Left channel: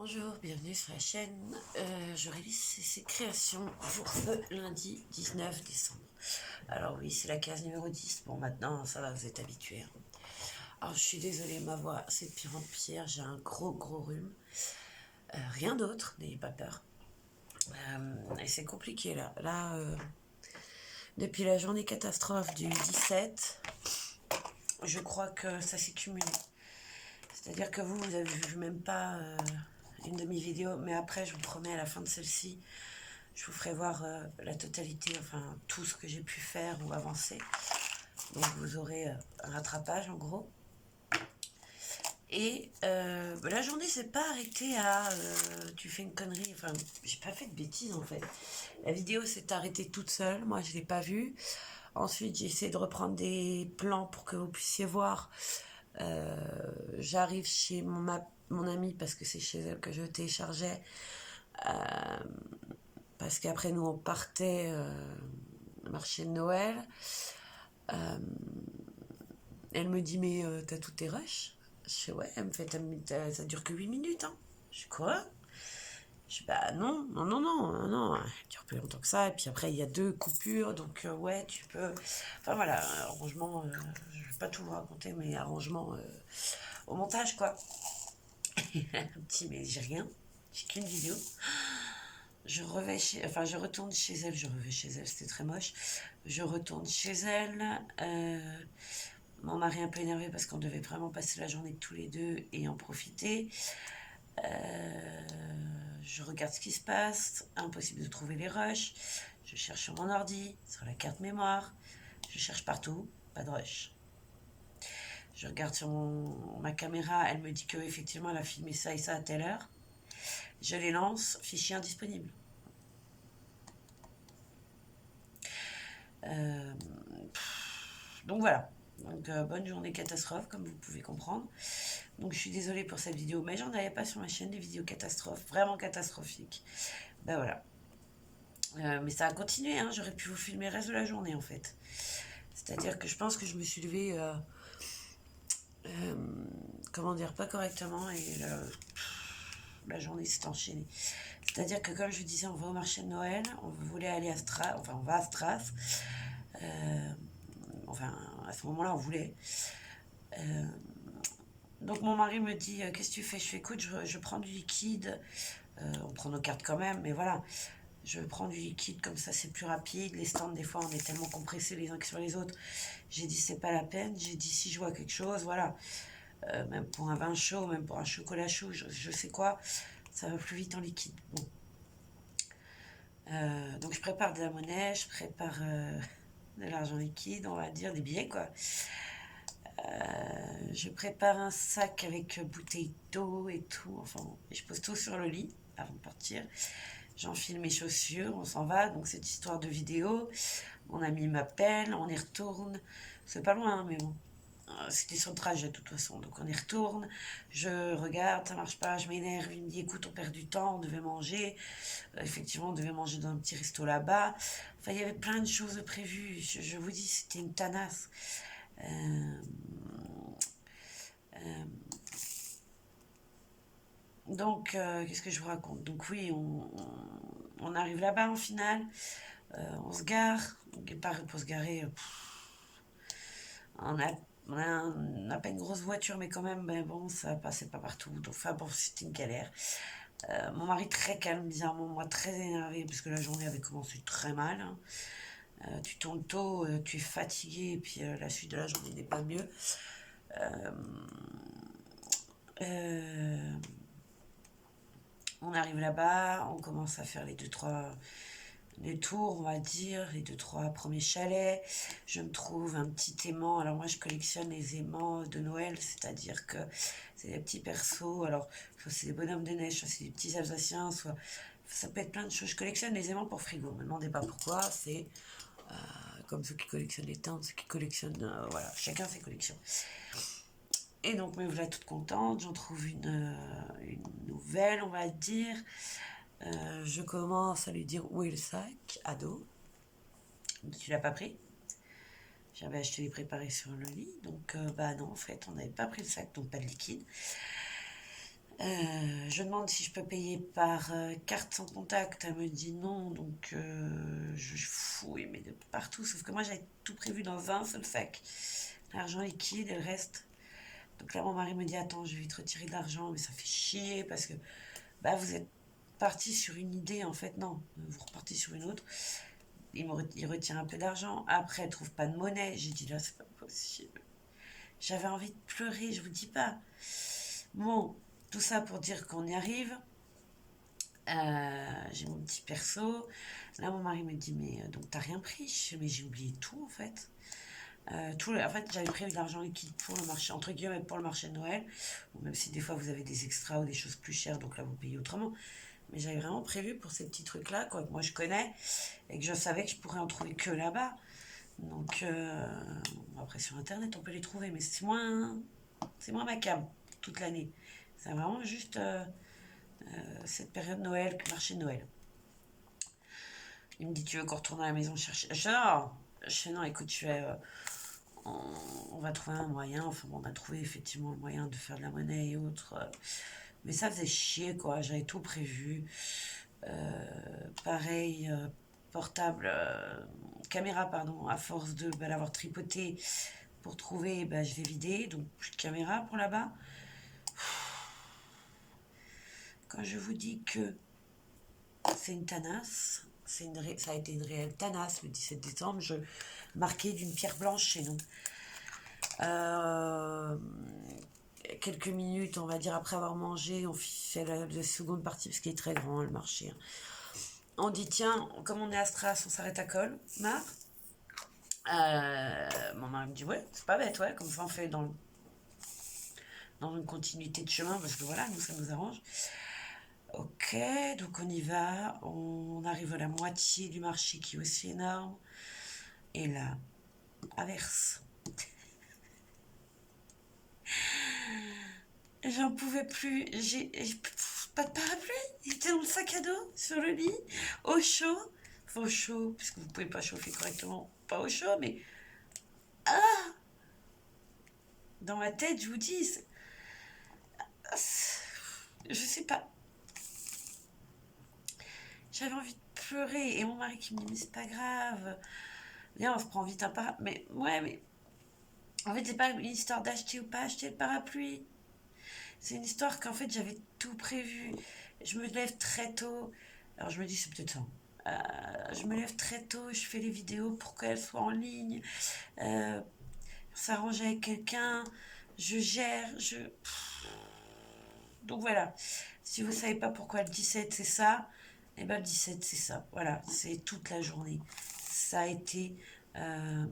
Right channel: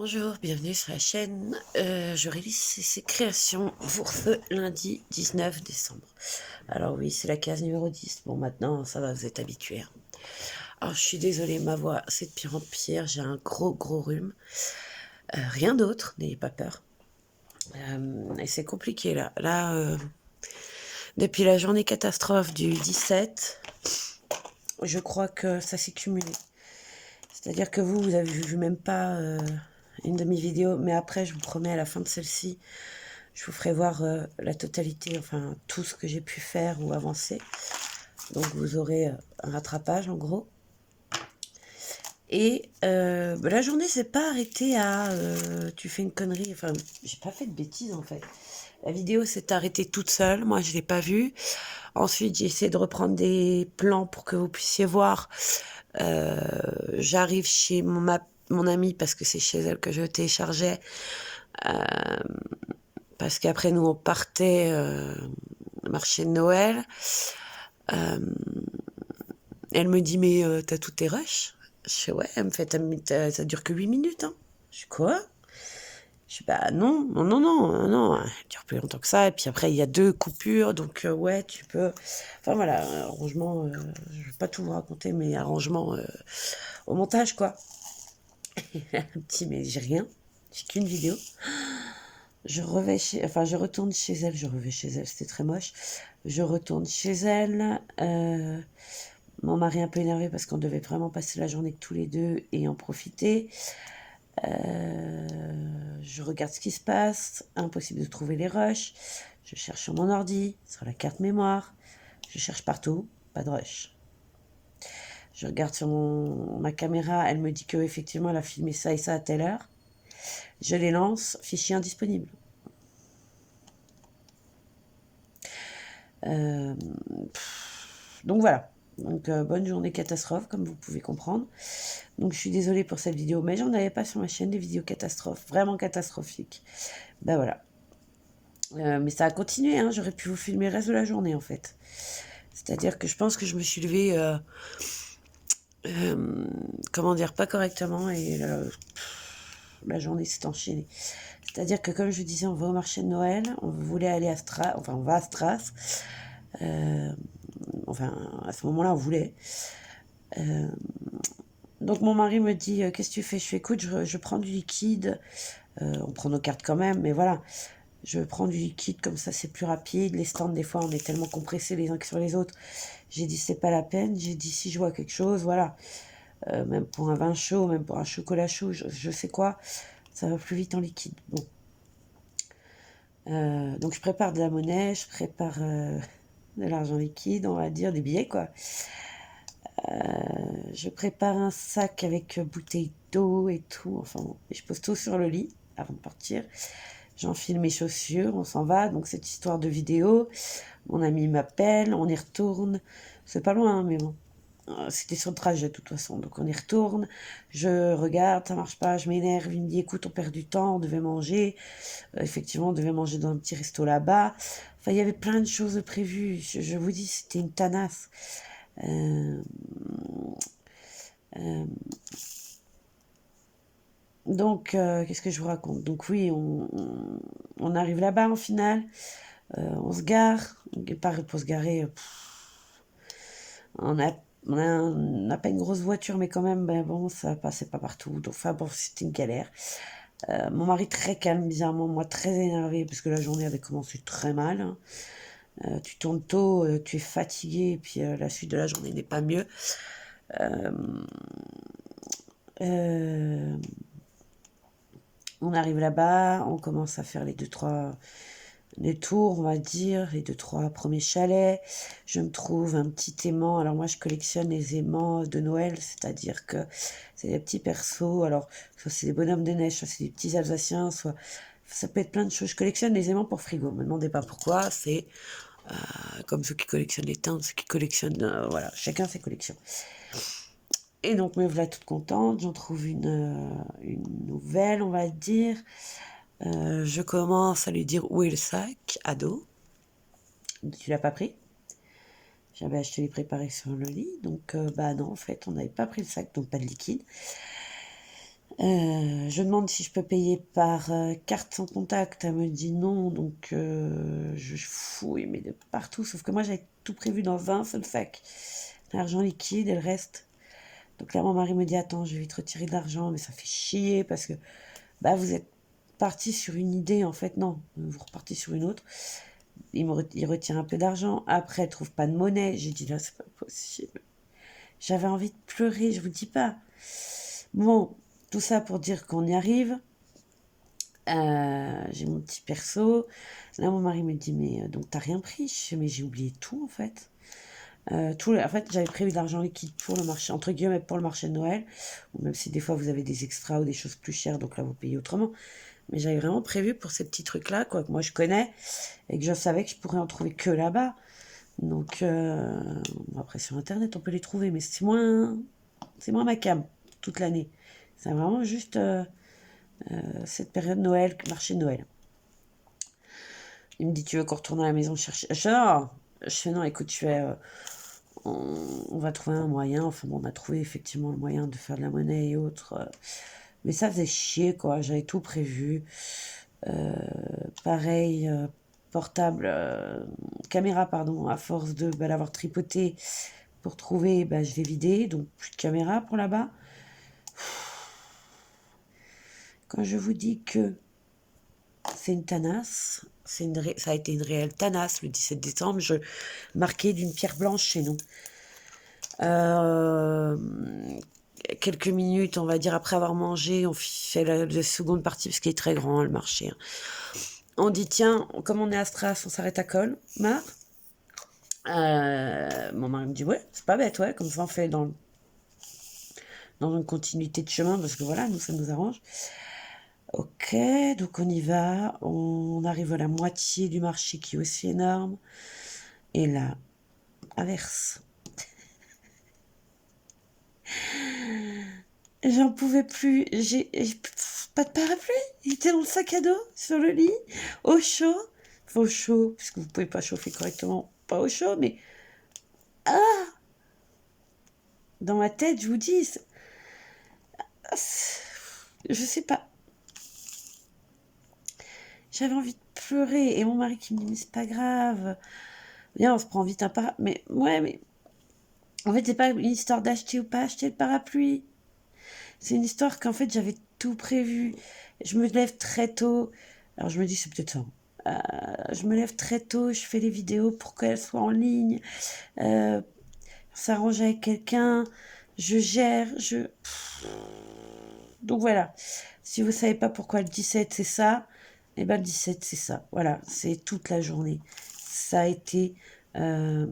Bonjour, bienvenue sur la chaîne. Je réalise ces créations pour ce lundi 19 décembre. Alors oui, c'est la case numéro 10. Bon, maintenant, ça va, vous êtes habitués, hein. Alors, je suis désolée, ma voix, c'est de pire en pire. J'ai un gros rhume. Rien d'autre, n'ayez pas peur. Et c'est compliqué, là. Depuis la journée catastrophe du 17, je crois que ça s'est cumulé. C'est-à-dire que vous avez vu même pas une demi-vidéo, mais après, je vous promets, à la fin de celle-ci, je vous ferai voir la totalité, enfin tout ce que j'ai pu faire ou avancer. Donc vous aurez un rattrapage en gros. Et la journée s'est pas arrêtée à tu fais une connerie. Enfin, j'ai pas fait de bêtises en fait. La vidéo s'est arrêtée toute seule. Moi, je l'ai pas vue. Ensuite, j'ai essayé de reprendre des plans pour que vous puissiez voir. J'arrive chez mon amie parce que c'est chez elle que je téléchargeais. Parce qu'après, nous, on partait marché de Noël. Elle me dit, mais t'as tous tes rushs? Je fais, ouais. Elle me fait, ça dure que 8 minutes, hein. Je suis quoi? Je suis bah non, elle dure plus longtemps que ça. Et puis après, il y a 2 coupures, donc ouais, tu peux. Enfin voilà, arrangement, je vais pas tout vous raconter, mais arrangement au montage, quoi. Et elle me dit, mais j'ai rien, j'ai qu'une vidéo. Je retourne chez elle, c'était très moche. Je retourne chez elle. Mon mari un peu énervé parce qu'on devait vraiment passer la journée tous les deux et en profiter. Je regarde ce qui se passe. Impossible de trouver les rushs. Je cherche sur mon ordi, sur la carte mémoire. Je cherche partout, pas de rush. Je regarde sur ma caméra, elle me dit que effectivement elle a filmé ça et ça à telle heure. Je les lance, fichier indisponible. Euh, donc voilà. Donc bonne journée catastrophe, comme vous pouvez comprendre. Donc je suis désolée pour cette vidéo, mais j'en avais pas sur ma chaîne des vidéos catastrophes, vraiment catastrophiques. Ben voilà. Mais ça a continué, hein. J'aurais pu vous filmer le reste de la journée en fait. C'est-à-dire que je pense que je me suis levée, comment dire, pas correctement et la journée s'est enchaînée. C'est-à-dire que comme je disais, on va au marché de Noël, on voulait aller à Stras, enfin on va à Stras. Enfin à ce moment-là on voulait. Donc mon mari me dit qu'est-ce que tu fais? Je fais écoute, je prends du liquide. On prend nos cartes quand même, mais voilà. Je prends du liquide comme ça, c'est plus rapide. Les stands, des fois, on est tellement compressés les uns sur les autres. J'ai dit c'est pas la peine. J'ai dit si je vois quelque chose, voilà. Même pour un vin chaud, même pour un chocolat chaud, je sais quoi, ça va plus vite en liquide. Bon. Donc je prépare de la monnaie, je prépare de l'argent liquide, on va dire, des billets quoi. Je prépare un sac avec bouteille d'eau et tout. Enfin, bon, et je pose tout sur le lit avant de partir. J'enfile mes chaussures, on s'en va. Donc cette histoire de vidéo, mon ami m'appelle, on y retourne. C'est pas loin, hein, mais bon. C'était sur le trajet de toute façon. Donc on y retourne. Je regarde, ça marche pas, je m'énerve. Il me dit écoute, on perd du temps, on devait manger. Effectivement, on devait manger dans un petit resto là-bas. Enfin, il y avait plein de choses prévues. Je vous dis, c'était une tanasse. Euh, euh, donc, qu'est-ce que je vous raconte? Donc oui, on arrive là-bas en finale. On se gare. Pareil pour se garer. On a, on n'a pas une grosse voiture, mais quand même, ben bon, ça passait pas partout. Donc, enfin bon, c'était une galère. Mon mari très calme, bizarrement, moi très énervé, parce que la journée avait commencé très mal, hein. Tu tournes tôt, tu es fatigué, et puis la suite de la journée n'est pas mieux. Euh, on arrive là-bas, on commence à faire les 2-3 les tours, on va dire, les 2-3 premiers chalets. Je me trouve un petit aimant. Alors moi, je collectionne les aimants de Noël, c'est-à-dire que c'est des petits persos. Alors, soit c'est des bonhommes de neige, soit c'est des petits Alsaciens, soit ça peut être plein de choses. Je collectionne les aimants pour frigo. Me demandez pas pourquoi. C'est comme ceux qui collectionnent les teintes, ceux qui collectionnent, voilà, chacun ses collections. Et donc me voilà toute contente. J'en trouve une nouvelle, on va dire. Je commence à lui dire où est le sac à dos. Tu l'as pas pris? J'avais acheté les préparés sur le lit, donc bah non, en fait, on n'avait pas pris le sac, donc pas de liquide. Je demande si je peux payer par carte sans contact. Elle me dit non, donc je fouille, mais de partout. Sauf que moi, j'avais tout prévu dans un seul sac. L'argent liquide et le reste. Donc là, mon mari me dit, attends, je vais te retirer de l'argent, mais ça fait chier parce que bah, vous êtes parti sur une idée, en fait, non. Vous repartez sur une autre. Il retire un peu d'argent. Après, elle trouve pas de monnaie. J'ai dit, là, c'est pas possible. J'avais envie de pleurer, je vous dis pas. Bon, tout ça pour dire qu'on y arrive. J'ai mon petit perso. Là, mon mari me dit, mais donc t'as rien pris? Je fais, mais j'ai oublié tout en fait. En fait, j'avais prévu de l'argent liquide pour le marché, entre guillemets, pour le marché de Noël. Ou même si des fois vous avez des extras ou des choses plus chères, donc là vous payez autrement. Mais j'avais vraiment prévu pour ces petits trucs-là, quoi, que moi je connais et que je savais que je pourrais en trouver que là-bas. Donc, bon, après sur internet on peut les trouver, mais c'est moins ma cam toute l'année. C'est vraiment juste cette période Noël, marché de Noël. Il me dit, tu veux qu'on retourne à la maison chercher? Je fais non, écoute, on va trouver un moyen. Enfin bon, on a trouvé effectivement le moyen de faire de la monnaie et autres. Mais ça faisait chier, quoi. J'avais tout prévu. Euh, Pareil, portable, caméra, pardon, à force de l'avoir tripoté pour trouver, bah, je l'ai vidé. Donc, plus de caméra pour là-bas. Quand je vous dis que c'est une tanasse, ça a été une réelle tanasse le 17 décembre. Je marquais d'une pierre blanche chez nous. Euh, Quelques minutes, on va dire, après avoir mangé, on fait la seconde partie parce qu'il est très grand le marché. On dit, tiens, comme on est à Stras, on s'arrête à Colmar. Mon mari me dit, ouais, c'est pas bête, ouais, comme ça on fait dans une continuité de chemin parce que voilà, nous, ça nous arrange. Ok, donc on y va. On arrive à la moitié du marché qui est aussi énorme. Et là, averse. J'en pouvais plus. J'ai pas de parapluie. Il était dans le sac à dos, sur le lit, au chaud. Enfin, au chaud, puisque vous pouvez pas chauffer correctement. Pas au chaud, mais dans ma tête, je vous dis, je sais pas. J'avais envie de pleurer. Et mon mari qui me dit, mais c'est pas grave. Viens, on se prend vite un parapluie. Mais ouais, mais en fait, c'est pas une histoire d'acheter ou pas acheter le parapluie. C'est une histoire qu'en fait, j'avais tout prévu. Je me lève très tôt. Alors, je me dis, c'est peut-être ça. Je me lève très tôt, je fais les vidéos pour qu'elles soient en ligne. Euh, S'arranger avec quelqu'un. Je gère. Donc voilà. Si vous savez pas pourquoi le 17 c'est ça, et ben le 17 c'est ça. Voilà, c'est toute la journée. Ça a été euh,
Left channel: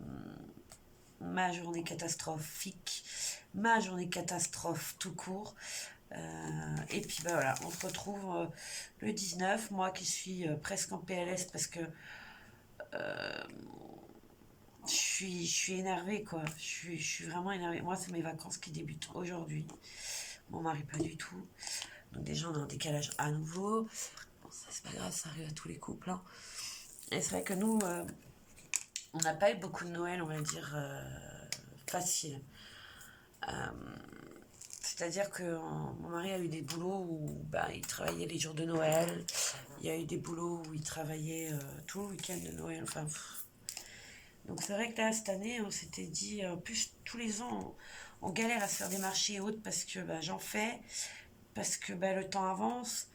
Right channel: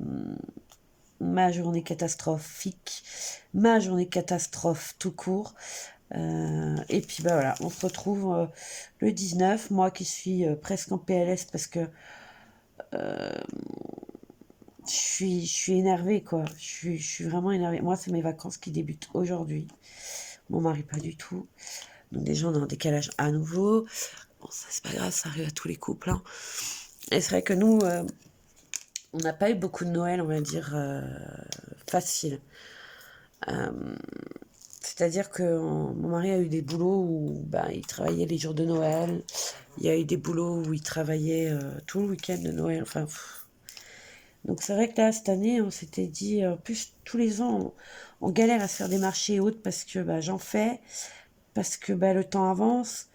ma journée catastrophique, ma journée catastrophe tout court. Et puis bah voilà, on se retrouve le 19, moi qui suis presque en PLS parce que je suis énervée quoi, je suis vraiment énervée. Moi c'est mes vacances qui débutent aujourd'hui, mon mari pas du tout. Donc déjà on est en décalage à nouveau. Bon ça c'est pas grave, ça arrive à tous les couples. Hein. Et c'est vrai que nous, on n'a pas eu beaucoup de Noël, on va dire, facile. C'est-à-dire que mon mari a eu des boulots où bah, il travaillait les jours de Noël. Il y a eu des boulots où il travaillait tout le week-end de Noël. Enfin, donc c'est vrai que là, cette année, on s'était dit, en plus, tous les ans, on galère à se faire des marchés et autres parce que bah, j'en fais, parce que bah, le temps avance,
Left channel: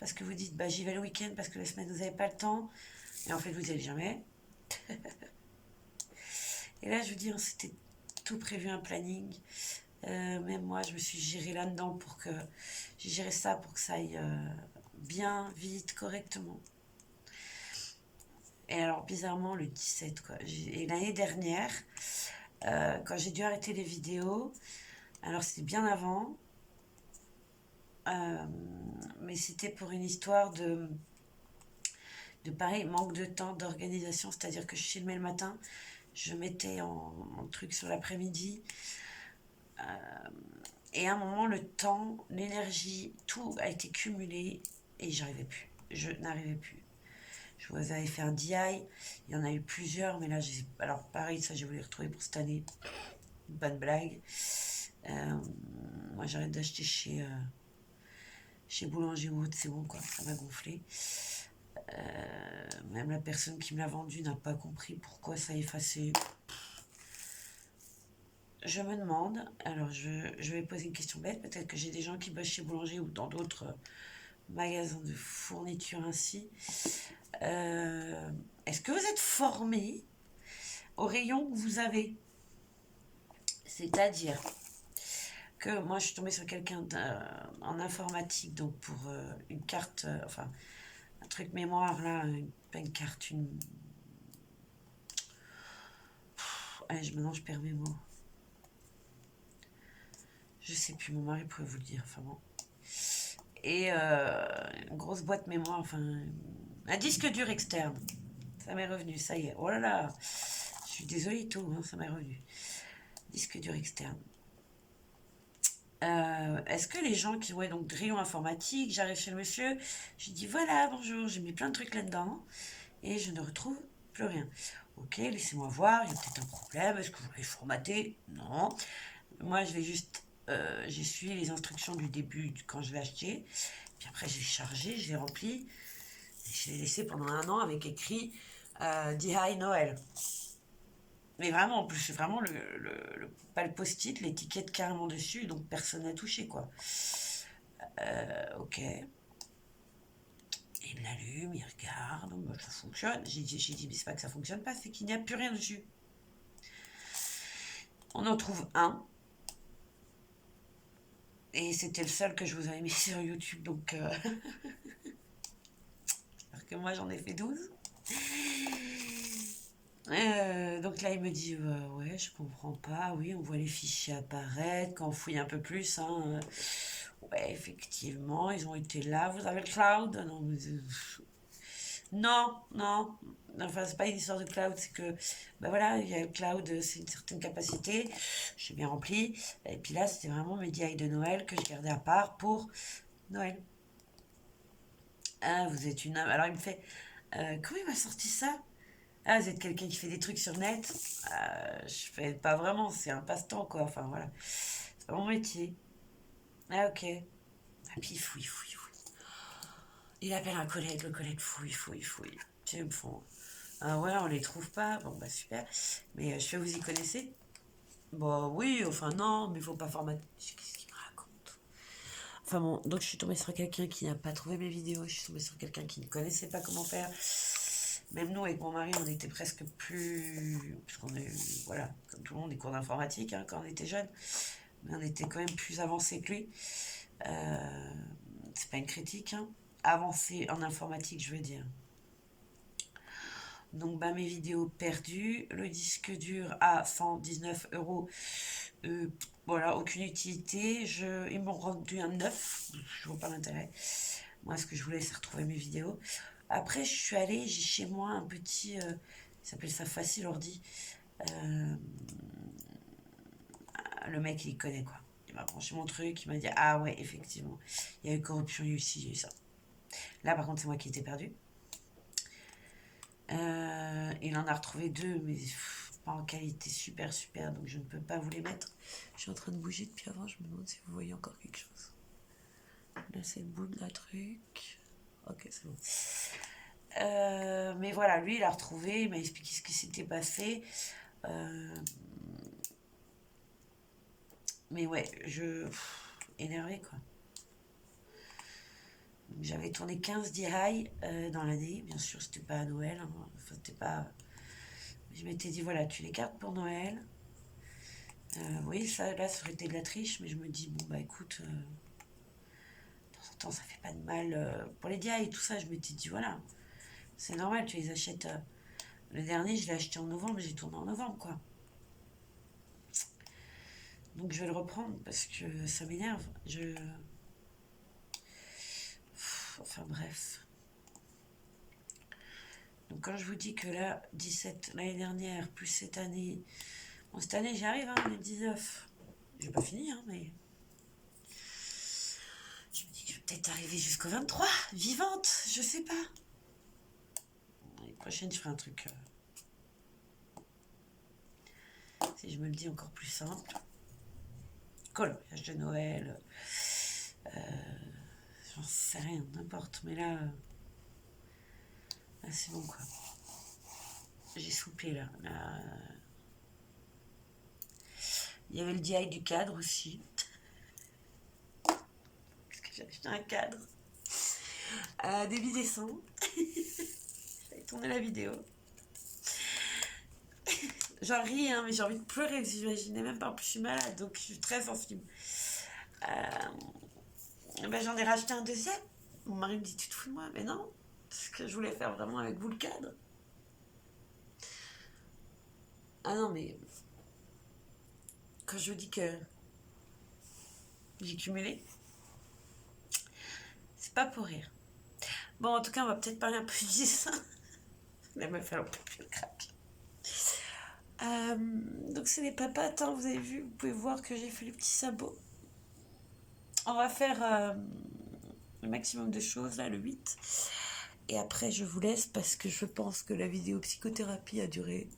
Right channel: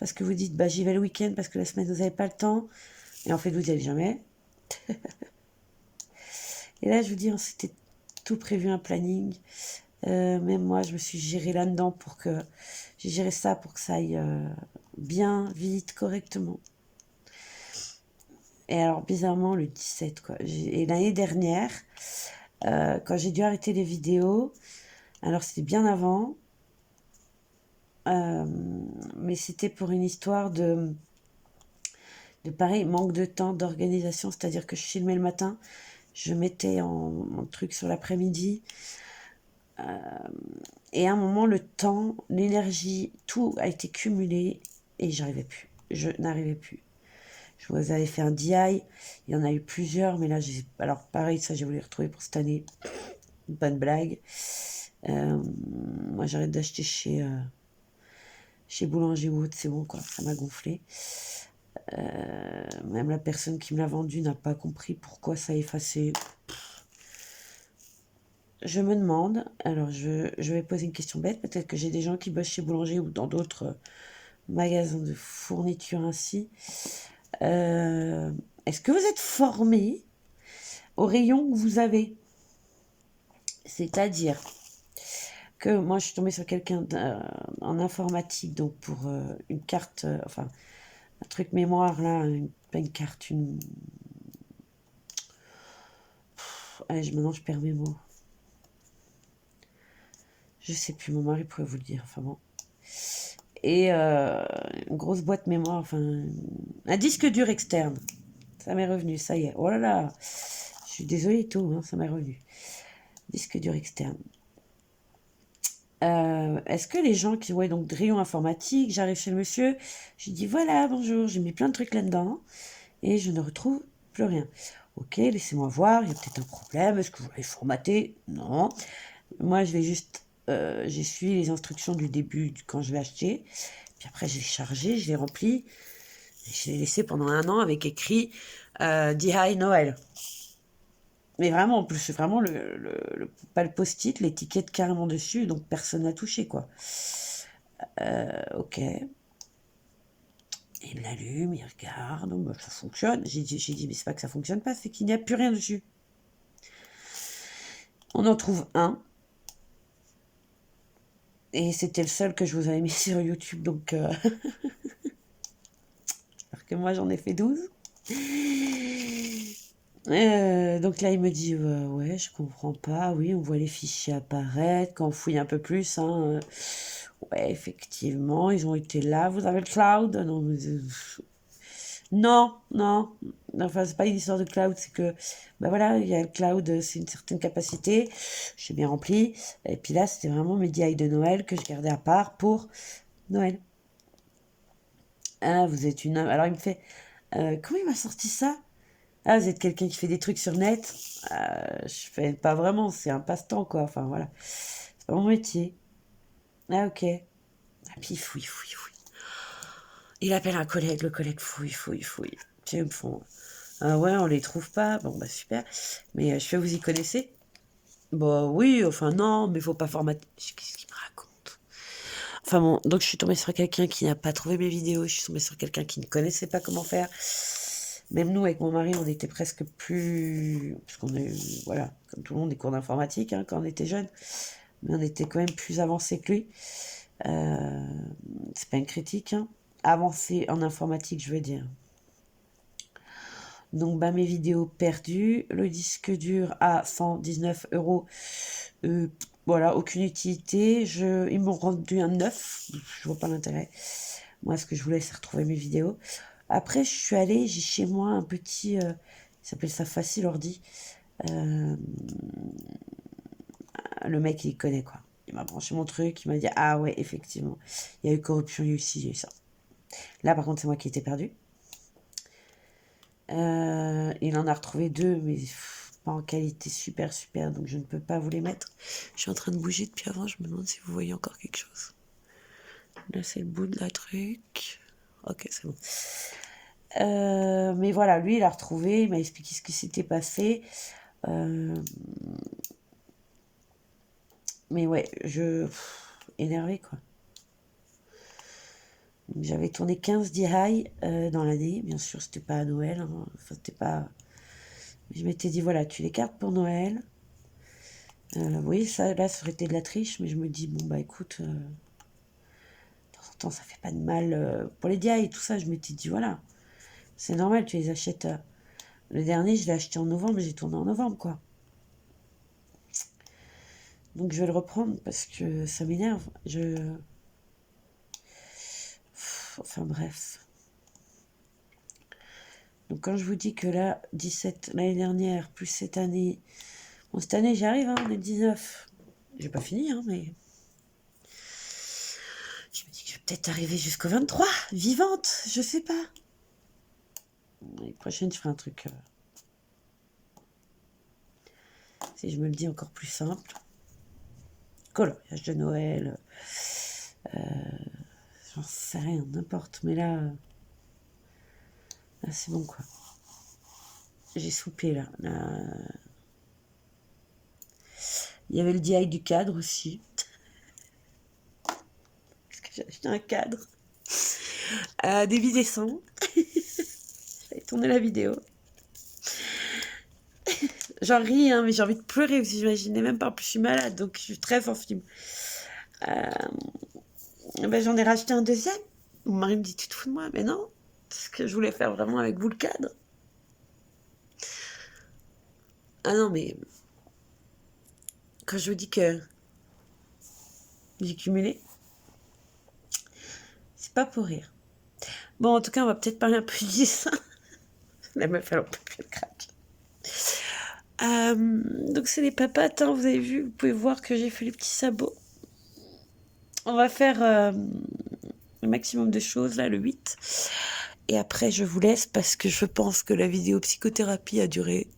parce que vous dites, bah, j'y vais le week-end parce que la semaine, vous n'avez pas le temps. Et en fait, vous n'y allez jamais. Et là, je vous dis, on s'était tout prévu un planning. Même moi, je me suis gérée là-dedans pour que j'ai géré ça pour que ça aille bien, vite, correctement. Et alors, bizarrement, le 17, quoi. Et l'année dernière, quand j'ai dû arrêter les vidéos, alors c'était bien avant, euh, mais c'était pour une histoire de pareil, manque de temps, d'organisation, c'est-à-dire que je filmais le matin, je mettais en truc sur l'après-midi, et à un moment, le temps, l'énergie, tout a été cumulé et j'arrivais plus. Je n'arrivais plus. Je vous avais fait un DI, il y en a eu plusieurs, mais là, alors pareil, ça j'ai voulu retrouver pour cette année. Pas de blague. Moi, j'arrête d'acheter chez chez Boulanger ou autre, c'est bon quoi, ça m'a gonflé. Même la personne qui me l'a vendu n'a pas compris pourquoi ça a effacé. Je me demande, alors je vais poser une question bête, peut-être que j'ai des gens qui bossent chez Boulanger ou dans d'autres magasins de fourniture ainsi. Est-ce que vous êtes formé au rayon que vous avez? C'est-à-dire que moi je suis tombée sur quelqu'un en informatique, donc pour une carte, enfin un truc mémoire là, pas une carte, une... maintenant je perds mes mots. Je sais plus, mon mari pourrait vous le dire, enfin bon. Et une grosse boîte mémoire, enfin un disque dur externe. Ça m'est revenu, ça y est. Oh là là, je suis désolée tout, hein, ça m'est revenu. Disque dur externe. Est-ce que les gens qui, ouais, donc de rayon informatique, j'arrive chez le monsieur, je dis voilà, bonjour, j'ai mis plein de trucs là-dedans et je ne retrouve plus rien. Ok, laissez-moi voir, il y a peut-être un problème, est-ce que vous l'avez formaté? Non. Moi, je vais juste, j'ai suivi les instructions du début quand je l'ai acheté, puis après j'ai chargé, je l'ai rempli, et je l'ai laissé pendant 1 an avec écrit DI Noël. Mais vraiment, en plus, c'est vraiment pas le post-it, l'étiquette carrément dessus, donc personne n'a touché, quoi. Ok. Il l'allume, il regarde, bah, ça fonctionne. J'ai dit, mais c'est pas que ça fonctionne pas, c'est qu'il n'y a plus rien dessus. On en trouve un. Et c'était le seul que je vous avais mis sur YouTube, donc... alors que moi, j'en ai fait 12. Donc là, il me dit, ouais, je comprends pas. Oui, on voit les fichiers apparaître. Quand on fouille un peu plus, hein, ouais, effectivement, ils ont été là. Vous avez le cloud? Non, non, non. Enfin, c'est pas une histoire de cloud, c'est que, bah voilà, il y a le cloud, c'est une certaine capacité. J'ai bien rempli. Et puis là, c'était vraiment mes DI de Noël que je gardais à part pour Noël. Ah, vous êtes une... Alors, il me fait, comment il m'a sorti ça? Ah, vous êtes quelqu'un qui fait des trucs sur net? Je fais pas vraiment, c'est un passe-temps, quoi. Enfin, voilà. C'est pas mon métier. Ah, ok. Ah, puis il fouille, fouille, fouille. Il appelle un collègue, le collègue fouille, fouille, fouille. Tu sais, ils me font... Ah ouais, on les trouve pas. Bon, bah super. Mais je fais, vous y connaissez? Bah oui, enfin non, mais faut pas formater. Qu'est-ce qu'il me raconte? Enfin bon, donc je suis tombée sur quelqu'un qui n'a pas trouvé mes vidéos. Je suis tombée sur quelqu'un qui ne connaissait pas comment faire. Même nous, avec mon mari, on était presque plus... Parce qu'on est, voilà, comme tout le monde, des cours d'informatique hein, quand on était jeune. Mais on était quand même plus avancé que lui. C'est pas une critique, hein. Avancé en informatique, je veux dire. Donc, bah, mes vidéos perdues. Le disque dur à 119 euros. Voilà, aucune utilité. Ils m'ont rendu un neuf. Je vois pas l'intérêt. Moi, ce que je voulais, c'est retrouver mes vidéos. Après, je suis allée, j'ai chez moi un petit... il s'appelle ça Facile Ordi. Le mec, il connaît, quoi. Il m'a branché mon truc, il m'a dit, ah ouais, effectivement. Il y a eu corruption, il y a eu ci, il y a eu ça. Là, par contre, c'est moi qui étais perdu. Il en a retrouvé deux, mais pas en qualité super super, donc je ne peux pas vous les mettre. Je suis en train de bouger depuis avant, je me demande si vous voyez encore quelque chose. Là, c'est le bout de la truc. Ok, c'est bon. Mais voilà, lui, il a retrouvé, il m'a expliqué ce qui s'était passé. Mais ouais, énervé, quoi. J'avais tourné 15 DI dans l'année. Bien sûr, c'était pas à Noël. Hein. Enfin, c'était pas... Je m'étais dit, voilà, tu les gardes pour Noël. Oui, ça, là, ça aurait été de la triche, mais je me dis, bon, bah écoute, de temps en temps, ça fait pas de mal. Pour les DI et tout ça, je m'étais dit, voilà, c'est normal, tu les achètes. Le dernier, je l'ai acheté en novembre, j'ai tourné en novembre, quoi. Donc, je vais le reprendre parce que ça m'énerve. Enfin, bref. Donc, quand je vous dis que là, 17 l'année dernière, plus cette année. Bon, cette année, j'y arrive, hein, on est 19. J'ai pas fini, hein, mais. Je me dis que je vais peut-être arriver jusqu'au 23, vivante, je sais pas. L'année prochaine, je ferai un truc. Si je me le dis encore plus simple. Coloriage de Noël. j'en sais rien, n'importe. Mais là c'est bon, quoi. J'ai soupé, là. Il y avait le DI du cadre aussi. Parce que j'ai acheté un cadre. Début décembre. J'avais tourné la vidéo. J'en ris, hein, mais j'ai envie de pleurer parce que j'imaginais même pas. En plus, je suis malade, donc je suis très sensible. J'en ai racheté un deuxième. Mon mari me dit, tu te fous de moi? Mais non, c'est ce que je voulais faire vraiment avec vous, le cadre. Ah non, mais quand je vous dis que j'ai cumulé, c'est pas pour rire. Bon, en tout cas, on va peut-être parler un peu du dessin. La meuf, elle en peut plus, elle craque. Donc c'est les papates, hein, vous avez vu, vous pouvez voir que j'ai fait les petits sabots. On va faire le maximum de choses là, le 8. Et après je vous laisse parce que je pense que la vidéo psychothérapie a duré.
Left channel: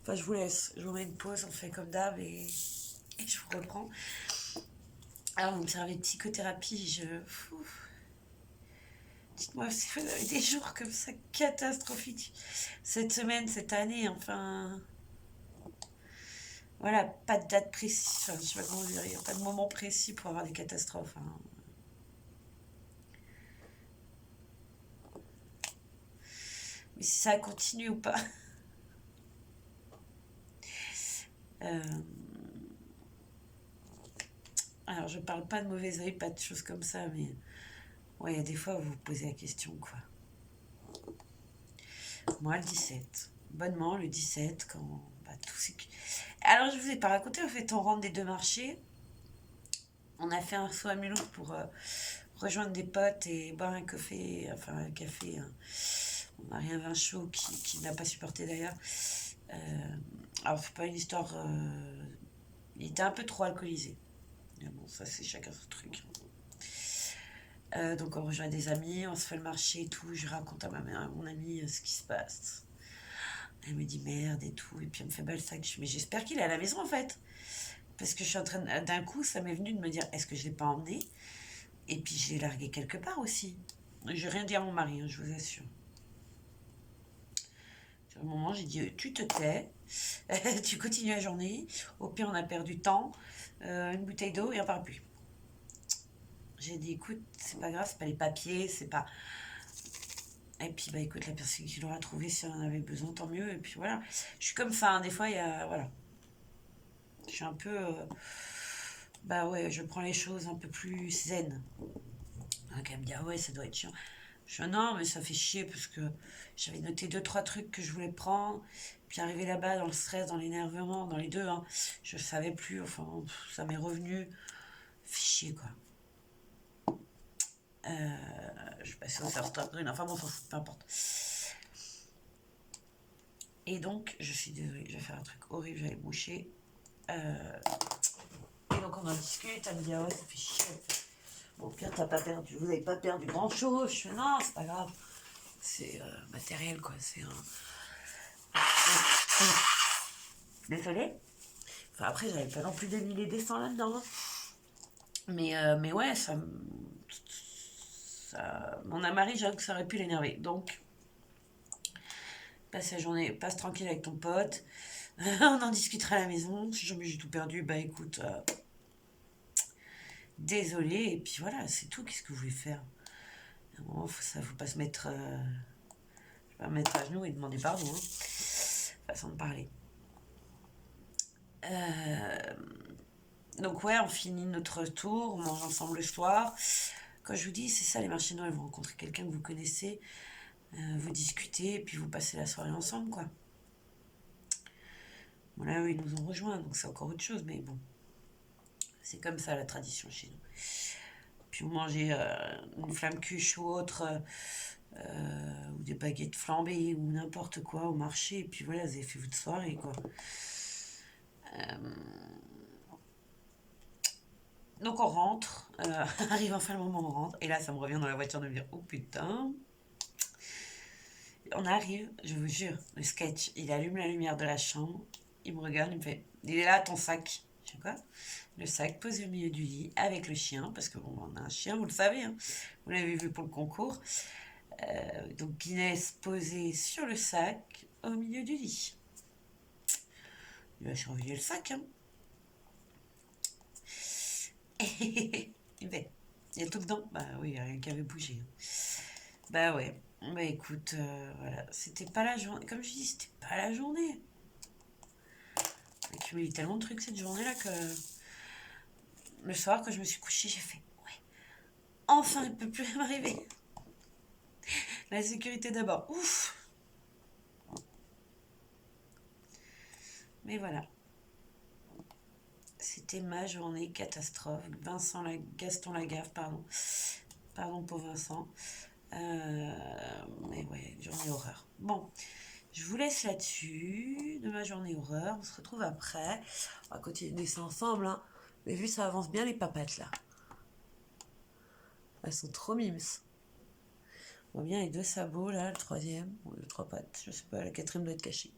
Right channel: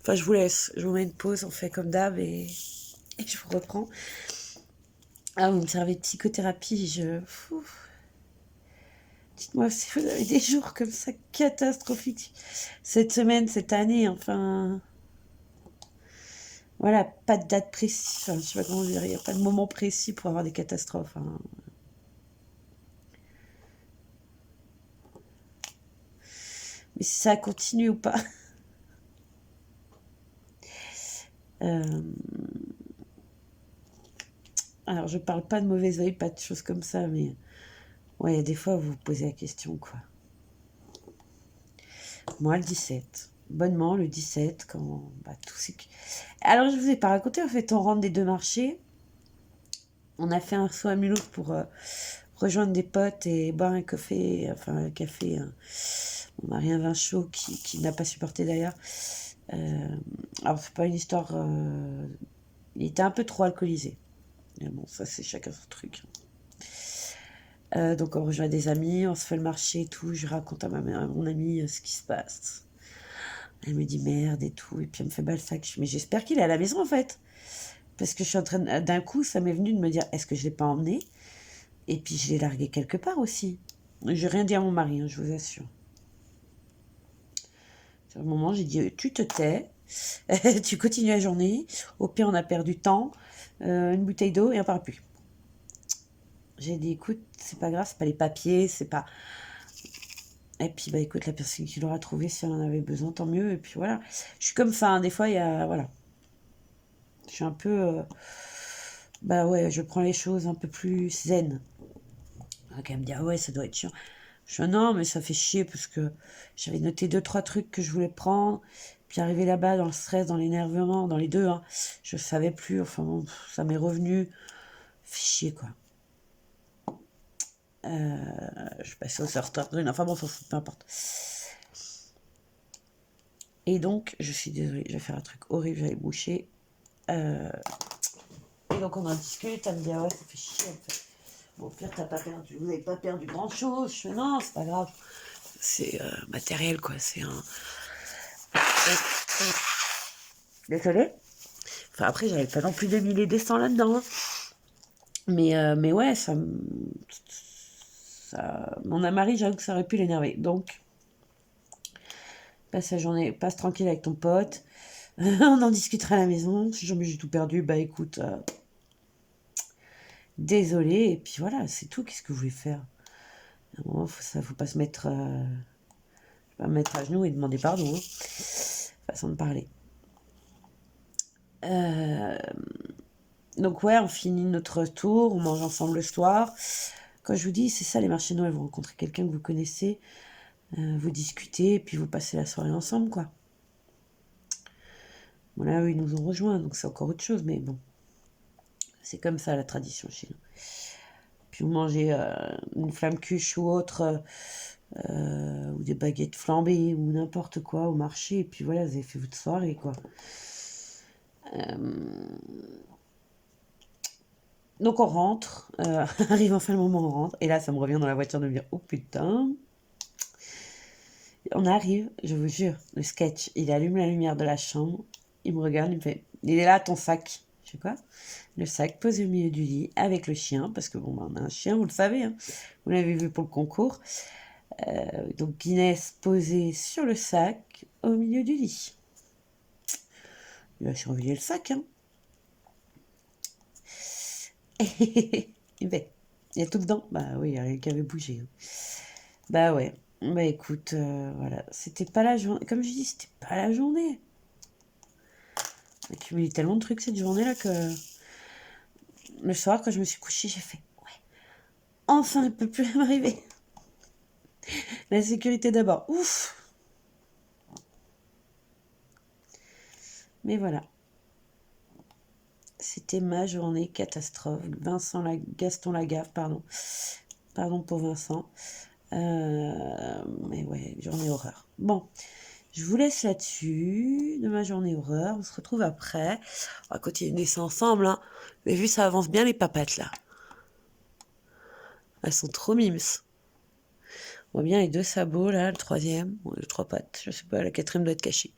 Enfin je vous laisse, je vous mets une pause, on fait comme d'hab et je vous reprends. Alors vous me servez de psychothérapie, dites-moi si vous avez des jours comme ça catastrophiques. Cette semaine, cette année, enfin... Voilà, pas de date précise, enfin, je sais pas comment dire, il n'y a pas de moment précis pour avoir des catastrophes. Hein. Mais si ça continue ou pas. Alors, je parle pas de mauvais oeil, pas de choses comme ça, mais ouais, il y a des fois, vous vous posez la question, quoi. Moi, le 17. Bonnement, le 17, quand tout c'est... Alors, je vous ai pas raconté, en fait, on rentre des deux marchés. On a fait un saut à Mulhouse pour rejoindre des potes et boire un café, enfin un café. On n'a rien vin chaud qui n'a pas supporté d'ailleurs. Alors, c'est pas une histoire. Il était un peu trop alcoolisé. Mais bon, ça, c'est chacun son truc. Donc, on rejoint des amis, on se fait le marché et tout. Je raconte à mon amie ce qui se passe. Elle me dit merde et tout. Et puis, elle me fait balsac. Mais j'espère qu'il est à la maison en fait. Parce que je suis en train d'un coup, ça m'est venu de me dire est-ce que je l'ai pas emmené? Et puis, je l'ai largué quelque part aussi. J'ai rien dit à mon mari, hein, je vous assure. À un moment, j'ai dit tu te tais, tu continues la journée. Au pire, on a perdu temps, une bouteille d'eau et un parapluie. J'ai dit écoute, c'est pas grave, c'est pas les papiers, c'est pas. Et puis bah écoute, la personne qui l'aura trouvé, si elle en avait besoin, tant mieux. Et puis voilà, je suis comme ça. Hein, des fois, il y a voilà, je suis un peu, bah ouais, je prends les choses un peu plus zen. Donc elle me dit ah ouais, ça doit être chiant. Je dis non, mais ça fait chier parce que j'avais noté deux trois trucs que je voulais prendre. Puis arrivé là-bas dans le stress, dans l'énervement, dans les deux, hein, je savais plus. Enfin, bon, ça m'est revenu. Fait chier quoi. Je suis passée au sorteur brune. Enfin bon, peu importe. Et donc, je suis désolée, je vais faire un truc horrible, j'avais bouché. Et donc, on en discute, elle me dit, ah ouais, ça fait chier. Fait, bon, au pire, vous n'avez pas perdu grand-chose. Je fais, non, c'est pas grave. C'est matériel, quoi. C'est un... Désolée. Enfin, après, j'avais pas non plus des milliers des cents là-dedans. Hein. Mais ouais, ça... Mon mari, j'avoue que ça aurait pu l'énerver. Donc, passe la journée, passe tranquille avec ton pote. On en discutera à la maison. Si jamais j'ai tout perdu, bah écoute, désolé. Et puis voilà, c'est tout. Qu'est-ce que vous voulez faire? À un moment, faut pas se mettre, pas mettre à genoux et demander pardon. Hein. Façon de parler. Donc ouais, on finit notre tour, on mange ensemble le soir. Quand je vous dis, c'est ça les marchés de Noël, vous rencontrez quelqu'un que vous connaissez, vous discutez, et puis vous passez la soirée ensemble, quoi. Voilà, eux, ils nous ont rejoints, donc c'est encore autre chose, mais bon. C'est comme ça la tradition chez nous. Puis vous mangez une flamme cuche ou autre, ou des baguettes flambées, ou n'importe quoi au marché, et puis voilà, vous avez fait votre soirée, quoi. Donc on rentre, arrive enfin le moment où on rentre, et là ça me revient dans la voiture de me dire, oh putain. On arrive, je vous jure, le sketch, il allume la lumière de la chambre, il me regarde, il me fait, il est là ton sac. Je sais quoi? Le sac posé au milieu du lit avec le chien, parce que bon, on a un chien, vous le savez, hein, vous l'avez vu pour le concours. Donc Guinness posé sur le sac au milieu du lit. Il va surveiller le sac, hein. Et ben, il y a tout dedans. Bah oui, il n'y a rien qui avait bougé, hein. Bah ouais. Bah écoute, voilà. C'était pas la journée. Comme je dis, c'était pas la journée. J'ai accumulé tellement de trucs cette journée-là que le soir, quand je me suis couchée, j'ai fait ouais. Enfin, il peut plus m'arriver. La sécurité d'abord. Ouf. Mais voilà. C'était ma journée catastrophe. Gaston Lagaffe, pardon. Pardon pour Vincent. Mais ouais, journée horreur. Bon, je vous laisse là-dessus de ma journée horreur. On se retrouve après. On va continuer ça ensemble, hein. Vous avez vu, ça avance bien les papates là. Elles sont trop mimes. On voit bien les 2 sabots là, le 3e, ou les 3 pattes, je sais pas, la 4e doit être cachée.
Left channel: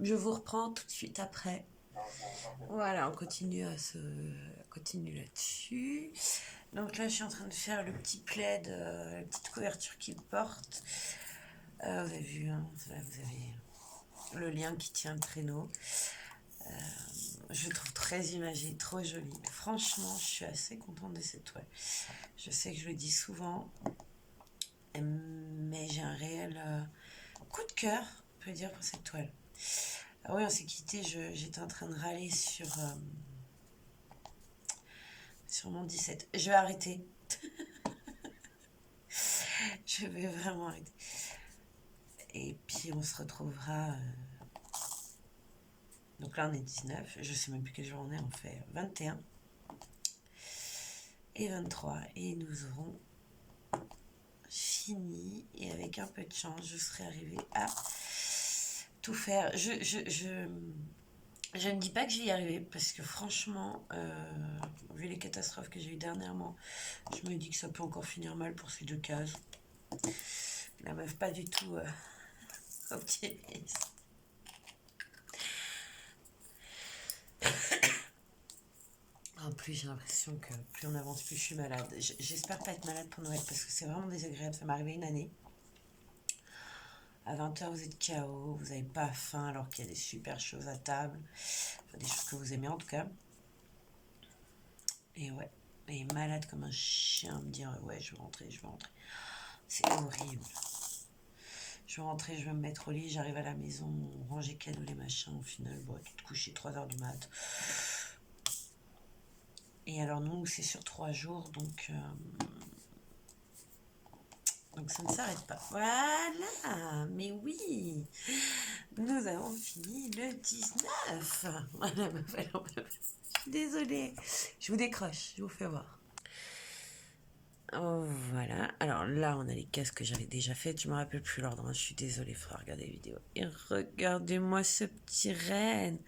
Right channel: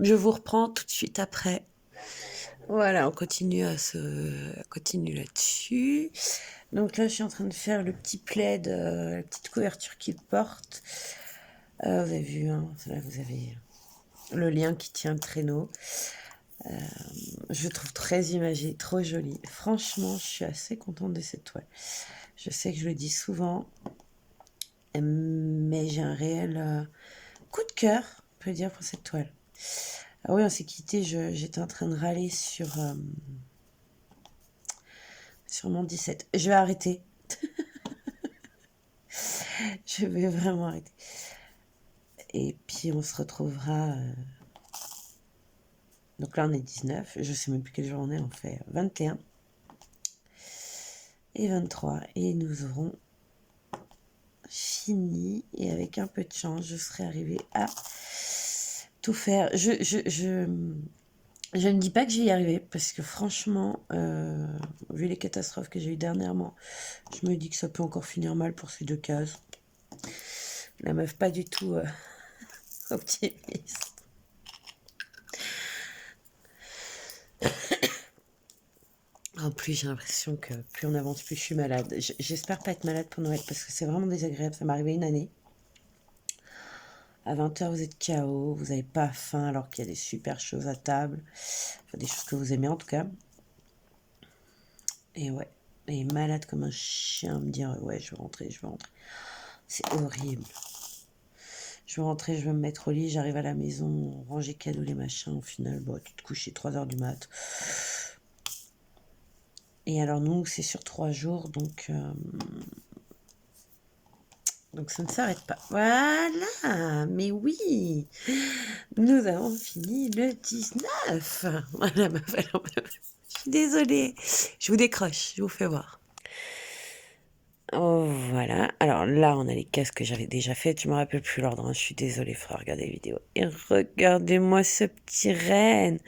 Je vous reprends tout de suite après. Voilà, on continue continue là-dessus. Donc là, je suis en train de faire le petit plaid, la petite couverture qu'il porte. Vous avez vu, hein, là, vous avez le lien qui tient le traîneau. Je le trouve très imagé, trop joli. Franchement, je suis assez contente de cette toile. Je sais que je le dis souvent, mais j'ai un réel coup de cœur, on peut dire, pour cette toile. Ah oui, on s'est quitté, j'étais en train de râler sur mon 17. Je vais arrêter. Je vais vraiment arrêter. Et puis on se retrouvera. Donc là on est 19. Je sais même plus quelle jour on est. On fait 21 et 23. Et nous aurons fini. Et avec un peu de chance, je serai arrivée à tout faire. Je ne dis pas que je vais y arriver. Parce que franchement, vu les catastrophes que j'ai eues dernièrement, je me dis que ça peut encore finir mal pour ces 2 cases. La meuf pas du tout optimiste. En plus, j'ai l'impression que plus on avance, plus je suis malade. J'espère pas être malade pour Noël parce que c'est vraiment désagréable. Ça m'est arrivé une année. À 20h, vous êtes KO, vous n'avez pas faim alors qu'il y a des super choses à table. Enfin, des choses que vous aimez en tout cas. Et ouais, et malade comme un chien, me dire ouais, je vais rentrer. C'est horrible. Je vais rentrer, je vais me mettre au lit, j'arrive à la maison, ranger cadeaux, les machins. Au final, bon, tu te couches 3h du mat'. Et alors nous, c'est sur 3 jours, donc ça ne s'arrête pas. Voilà, mais oui, nous avons fini le 19. Voilà, je suis désolée, je vous décroche, je vous fais voir. Oh, voilà, alors là, on a les cases que j'avais déjà faites, je me rappelle plus l'ordre, hein. Je suis désolée, il faudra regarder la vidéo. Et regardez-moi ce petit renne,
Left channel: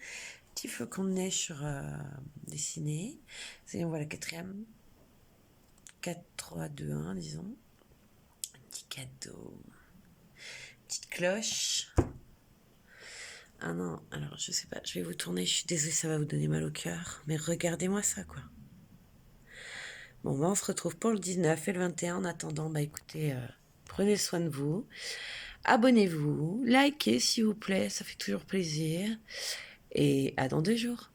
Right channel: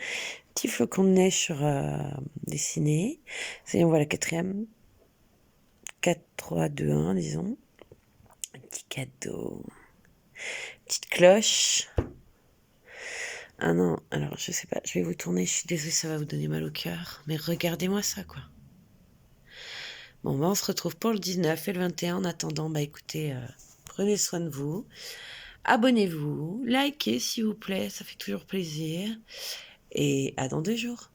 petit flocon de neige sur dessiné. Ça y est, on voit la 4e. 4, 3, 2, 1, disons. Un petit cadeau. Petite cloche. Ah non, alors je sais pas, je vais vous tourner, je suis désolée, ça va vous donner mal au cœur. Mais regardez-moi ça, quoi. Bon, bah on se retrouve pour le 19 et le 21. En attendant, bah écoutez, prenez soin de vous. Abonnez-vous, likez s'il vous plaît, ça fait toujours plaisir. Et à dans 2 jours.